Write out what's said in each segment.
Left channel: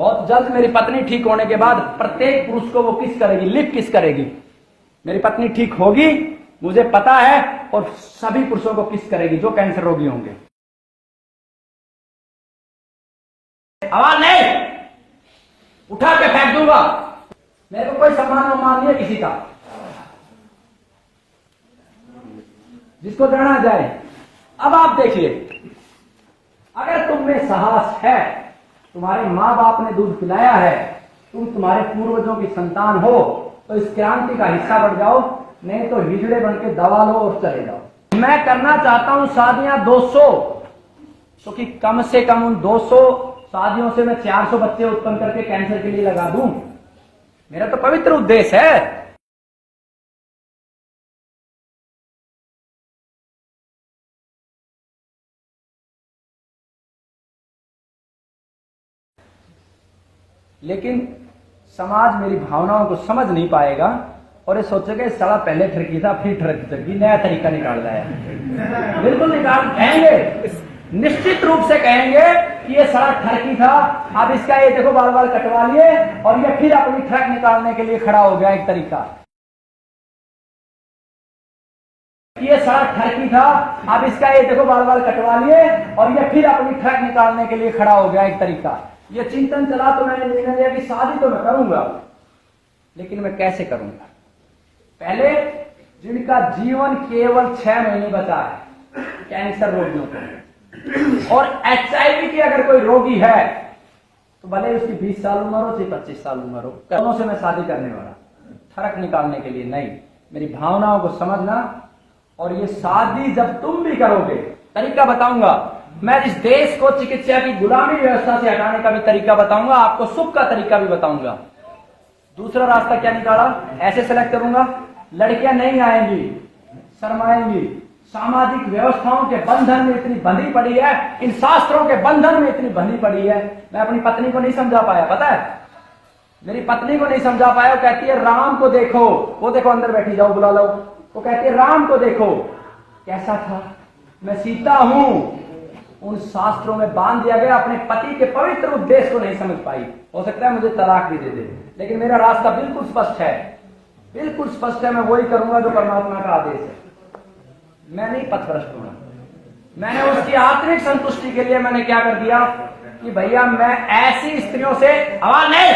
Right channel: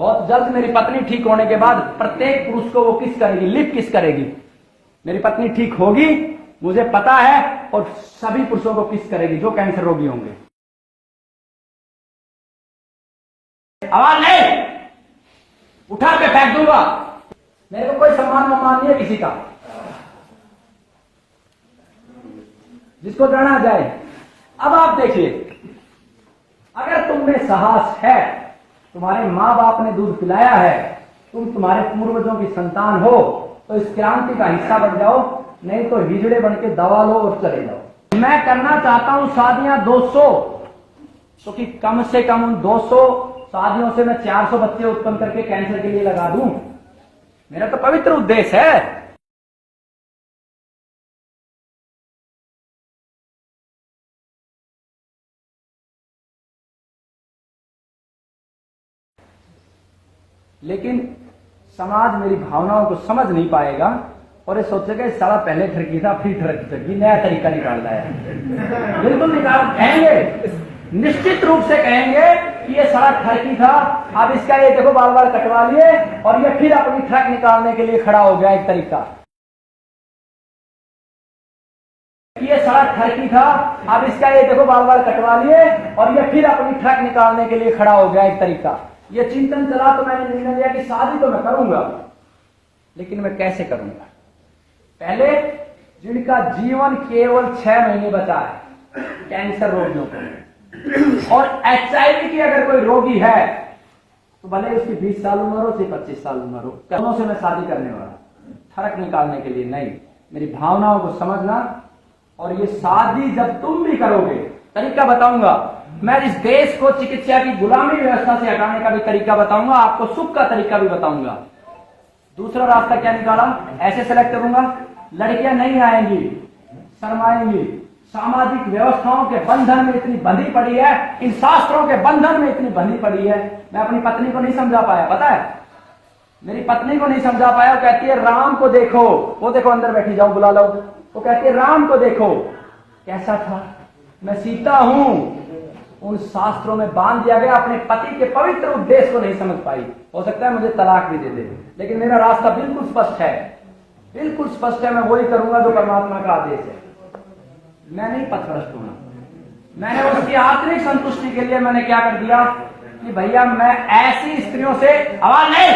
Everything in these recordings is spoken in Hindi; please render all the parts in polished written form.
बहुत जल्द मेरी पत्नी ठीक होने के बाद प्रत्येक पुरुष को वो किस करेगी, लिप किस करेगी। मेरी पत्नी ठीक होगी, मुझे पता है, और सभी पुरुषों को किस करेगी जो कैंसर रोगी होंगे। आवाज नहीं, उठा के फेंक दूंगा। मेरे को कोई सम्मान नहीं है किसी का, जिसको जाना जाए। अब आप देखिए, अगर तुम में साहस है, तुम्हारे माँ बाप ने दूध पिलाया है, तुम तुम्हारे पूर्वजों की संतान हो, तो इस क्रांति का हिस्सा बन जाओ, नहीं तो हिजड़े बन के दबा लो और चले जाओ। मैं करना चाहता हूं शादियां 200, क्योंकि कम से कम 200 शादियों से मैं 400 बच्चे उत्पन्न करके कैंसर के लिए लगा दूं। मेरा तो पवित्र उद्देश्य है। लेकिन समाज मेरी भावनाओं को समझ नहीं पाएगा और ये सोचेगा इस साला पहले ठरकी था फिर ठरकी, नया तरीका निकाल रहा है। बिल्कुल निकाल, कहेंगे, निश्चित रूप से कहेंगे कि ये साला ठरकी था, अब इसका ये देखो बाल बाल कटवा लिए और ये फिर अपनी ठग निकालने के लिए खड़ा हो गया। एक तरीका ये साला ठरकी था, अब इसका ये देखो बाल बाल कटवा लिए और ये फिर अपनी ठग निकालने के लिए खड़ा हो गया। एक तरीका ये चिंतन चला, तो मैंने निर्णय लिया कि शादी तो मैं करूंगा, लेकिन मैं कैसे करूंगा। पहले जिनका जीवन केवल 6 महीने बचा है, कैंसर रोगियों को, और HIV की अगर कोई रोगी है तो भले उसकी 20 साल उम्र हो चाहे 25 साल उम्र हो, दोनों से मैं शादी करने वाला, फर्क निकालने के लिए नहीं, मेरी भावनाओं को समझना। और ये शादी जब तुम भी करोगे, तरीका बताऊंगा मैं। इस देश को चिकित्सा की गुलामी व्यवस्था से हटाने का भी तरीका बताऊंगा, आपको सुख का तरीका भी बताऊंगा। दूसरा रास्ता क्या निकाला, ऐसे सेलेक्ट करूंगा, लड़कियां नहीं आएंगी, शर्माएंगी, सामाजिक व्यवस्थाओं के बंधन में इतनी बंधी पड़ी है, इन शास्त्रों के बंधन में इतनी बंधी पड़ी है। मैं अपनी पत्नी को नहीं समझा पाया, पता है, मेरी पत्नी को नहीं समझा पाया। वो कहती है राम को देखो, वो देखो अंदर बैठी, जाओ बुला लो। वो कहती है राम को देखो कैसा था, मैं सीता हूं। उन शास्त्रों में बांध दिया गया, अपने पति के पवित्र उद्देश्य को नहीं समझ पाई। हो सकता है मुझे तलाक भी दे दे, लेकिन मेरा रास्ता बिल्कुल स्पष्ट है, बिल्कुल स्पष्ट है। मैं वही करूंगा जो परमात्मा का आदेश है। मैं नहीं पथभ्रष्ट हूं। मैंने उसकी आत्मिक संतुष्टि के लिए मैंने क्या कर दिया कि भैया मैं ऐसी स्त्रियों से, आवाज नहीं,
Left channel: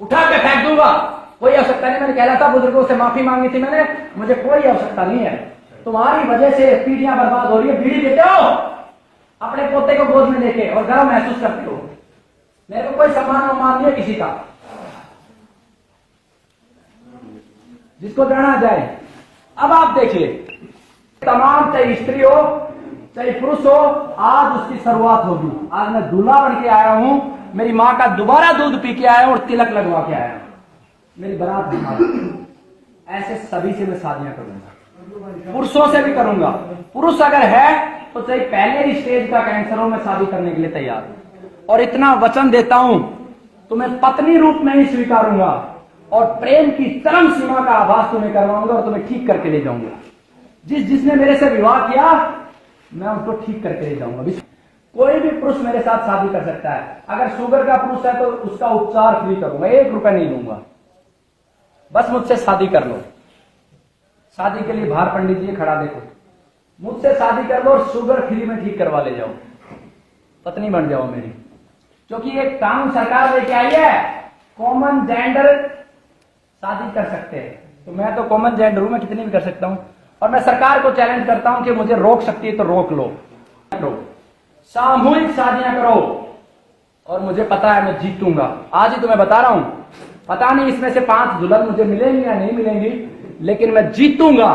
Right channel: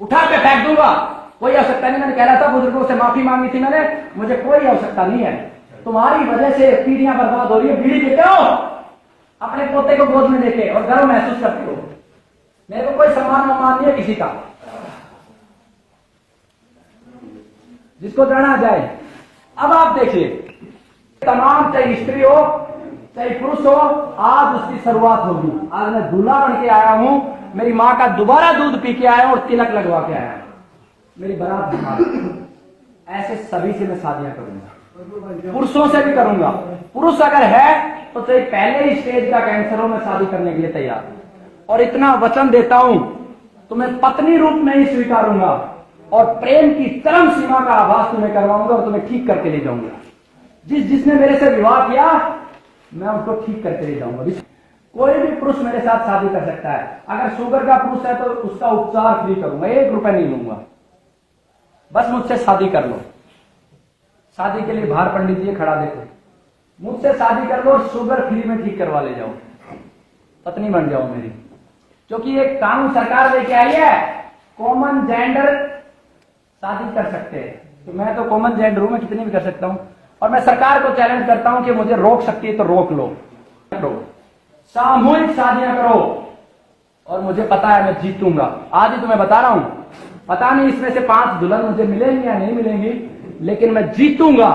उठा के फेंक दूंगा। कोई आवश्यकता नहीं, मैंने कहला था बुजुर्गों से माफी मांगी थी मैंने, मुझे कोई आवश्यकता नहीं है। तुम्हारी वजह से पीढ़ियां बर्बाद हो रही है। बीड़ी देते हो अपने पोते को गोद में लेके और गर्व महसूस करते हो। मेरे को कोई सम्मान नहीं है किसी का, जिसको जाना जाए। अब आप देखिए, तमाम चाहे स्त्री हो चाहे पुरुष हो, आज उसकी शुरुआत होगी। आज मैं दूल्हा बन के आया हूं, मेरी माँ का दोबारा दूध पी के आया हूं और तिलक लगवा के आया हूं, मेरी बारात बना। ऐसे सभी से मैं शादियां करूंगा, पुरुषों से भी करूंगा। पुरुष अगर है तो चाहे पहले ही स्टेज का कैंसर हो, मैं शादी करने के लिए तैयार हूं। और इतना वचन देता हूं, तुम्हें पत्नी रूप में ही स्वीकारूंगा और प्रेम की चरम सीमा का आभास तुम्हें करवाऊंगा और तुम्हें ठीक करके ले जाऊंगा। जिसने मेरे से विवाह किया, मैं उसको ठीक करके ले जाऊंगा। कोई भी पुरुष मेरे साथ शादी कर सकता है। अगर शुगर का पुरुष है तो उसका उपचार फ्री करूंगा, 1 रुपया नहीं लूंगा। बस मुझसे शादी कर लो। शादी के लिए बाहर पंडित जी खड़ा देखो, मुझसे शादी कर लो और शुगर फ्री में ठीक करवा ले जाओ, पत्नी बन जाओ मेरी। क्योंकि एक कानून सरकार लेके आई है, कॉमन जेंडर शादी कर सकते हैं। तो मैं तो कॉमन जेंडर हूं, मैं कितनी भी कर सकता हूं। और मैं सरकार को चैलेंज करता हूं कि मुझे रोक सकती है तो रोक लो। सामूहिक शादियां करो और मुझे पता है मैं जीतूंगा। आज ही तो मैं बता रहा हूं, पता नहीं इसमें से 5 दुल्हन मुझे मिलेंगी या नहीं मिलेंगी, लेकिन मैं जीतूंगा।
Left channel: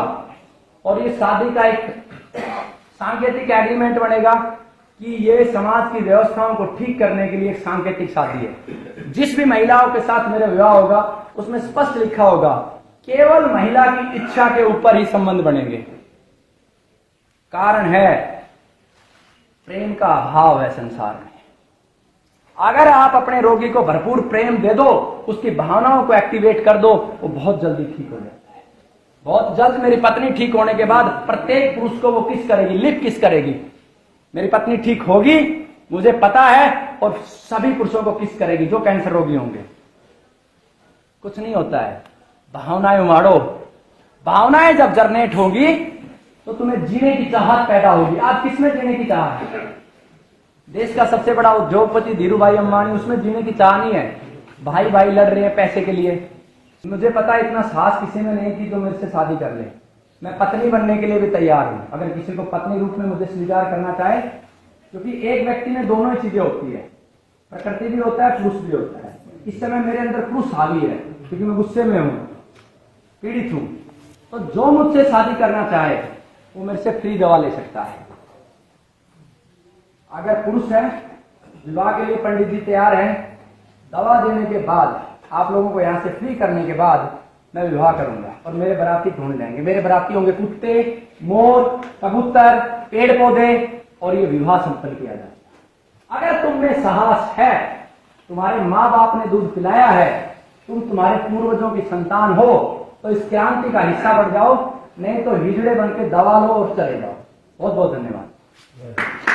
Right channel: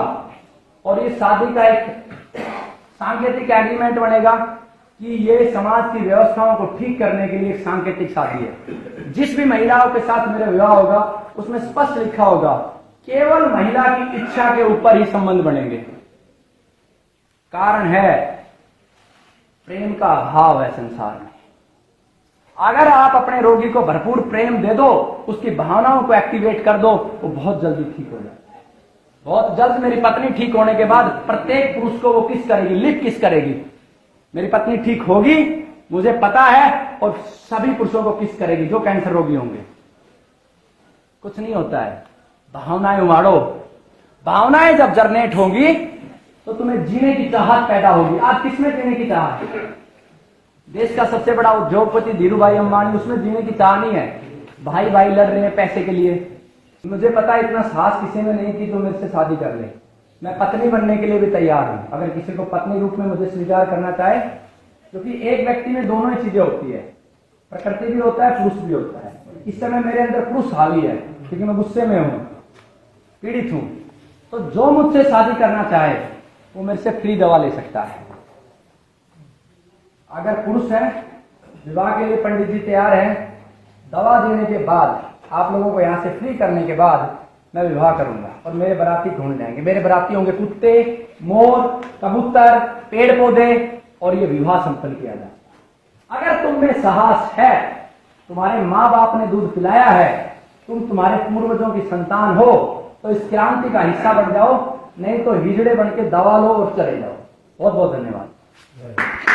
और ये शादी का एक सांकेतिक एग्रीमेंट बनेगा कि ये समाज की व्यवस्थाओं को ठीक करने के लिए एक सांकेतिक शादी है। जिस भी महिलाओं के साथ मेरा विवाह होगा उसमें स्पष्ट लिखा होगा केवल महिला की इच्छा के ऊपर ही संबंध बनेंगे। कारण है प्रेम का अभाव है संसार में। अगर आप अपने रोगी को भरपूर प्रेम दे दो, उसकी भावनाओं को एक्टिवेट कर दो, वो बहुत जल्दी ठीक हो जाता है। बहुत जल्द मेरी पत्नी ठीक होने के बाद प्रत्येक पुरुष को वो किस करेगी, लिप किस करेगी। मेरी पत्नी ठीक होगी, मुझे पता है, और सभी पुरुषों को किस करेगी जो कैंसर रोगी होंगे। कुछ नहीं होता है, भावनाएं उमाड़ो। भावनाएं जब जरनेट होंगी तो तुम्हें जीने की चाहत पैदा होगी। आज किसमें जीने की चाहत है? देश का सबसे बड़ा उद्योगपति धीरू भाई अंबानी, उसमें जीने की चाह नहीं है। भाई भाई लड़ रहे हैं पैसे के लिए। मुझे पता है इतना साहस किसी में नहीं कि जो मेरे से शादी कर ले। मैं पत्नी बनने के लिए भी तैयार हूं, अगर किसी को पत्नी रूप में मुझे स्वीकार करना चाहे, क्योंकि एक व्यक्ति में दोनों ही चीजें होती है, प्रकृति भी होता है, पुरुष भी होता है। इस समय मेरे अंदर पुरुष हावी है क्योंकि मैं गुस्से में हूं, पीड़ित हूं। तो जो मुझसे शादी करना चाहे वो मेरे से फ्री दवा ले सकता है। अगर पुरुष है, विवाह के लिए पंडित जी तैयार हैं, दवा देने के बाद, आप लोगों को यहां से फ्री करने के बाद मैं विवाह करूंगा और मेरे बराती ढूंढ लेंगे। मेरे बराती होंगे कुत्ते, मोर, कबूतर, पेड़ पौधे, और ये विवाह संपन्न किया जाए। अगर तुम में साहस है, तुम्हारे माँ बाप ने दूध पिलाया है, तुम तुम्हारे पूर्वजों की संतान हो, तो इस क्रांति का हिस्सा बन जाओ, नहीं तो हिजड़े बन के दवा लो और चले जाओ। बहुत बहुत धन्यवाद।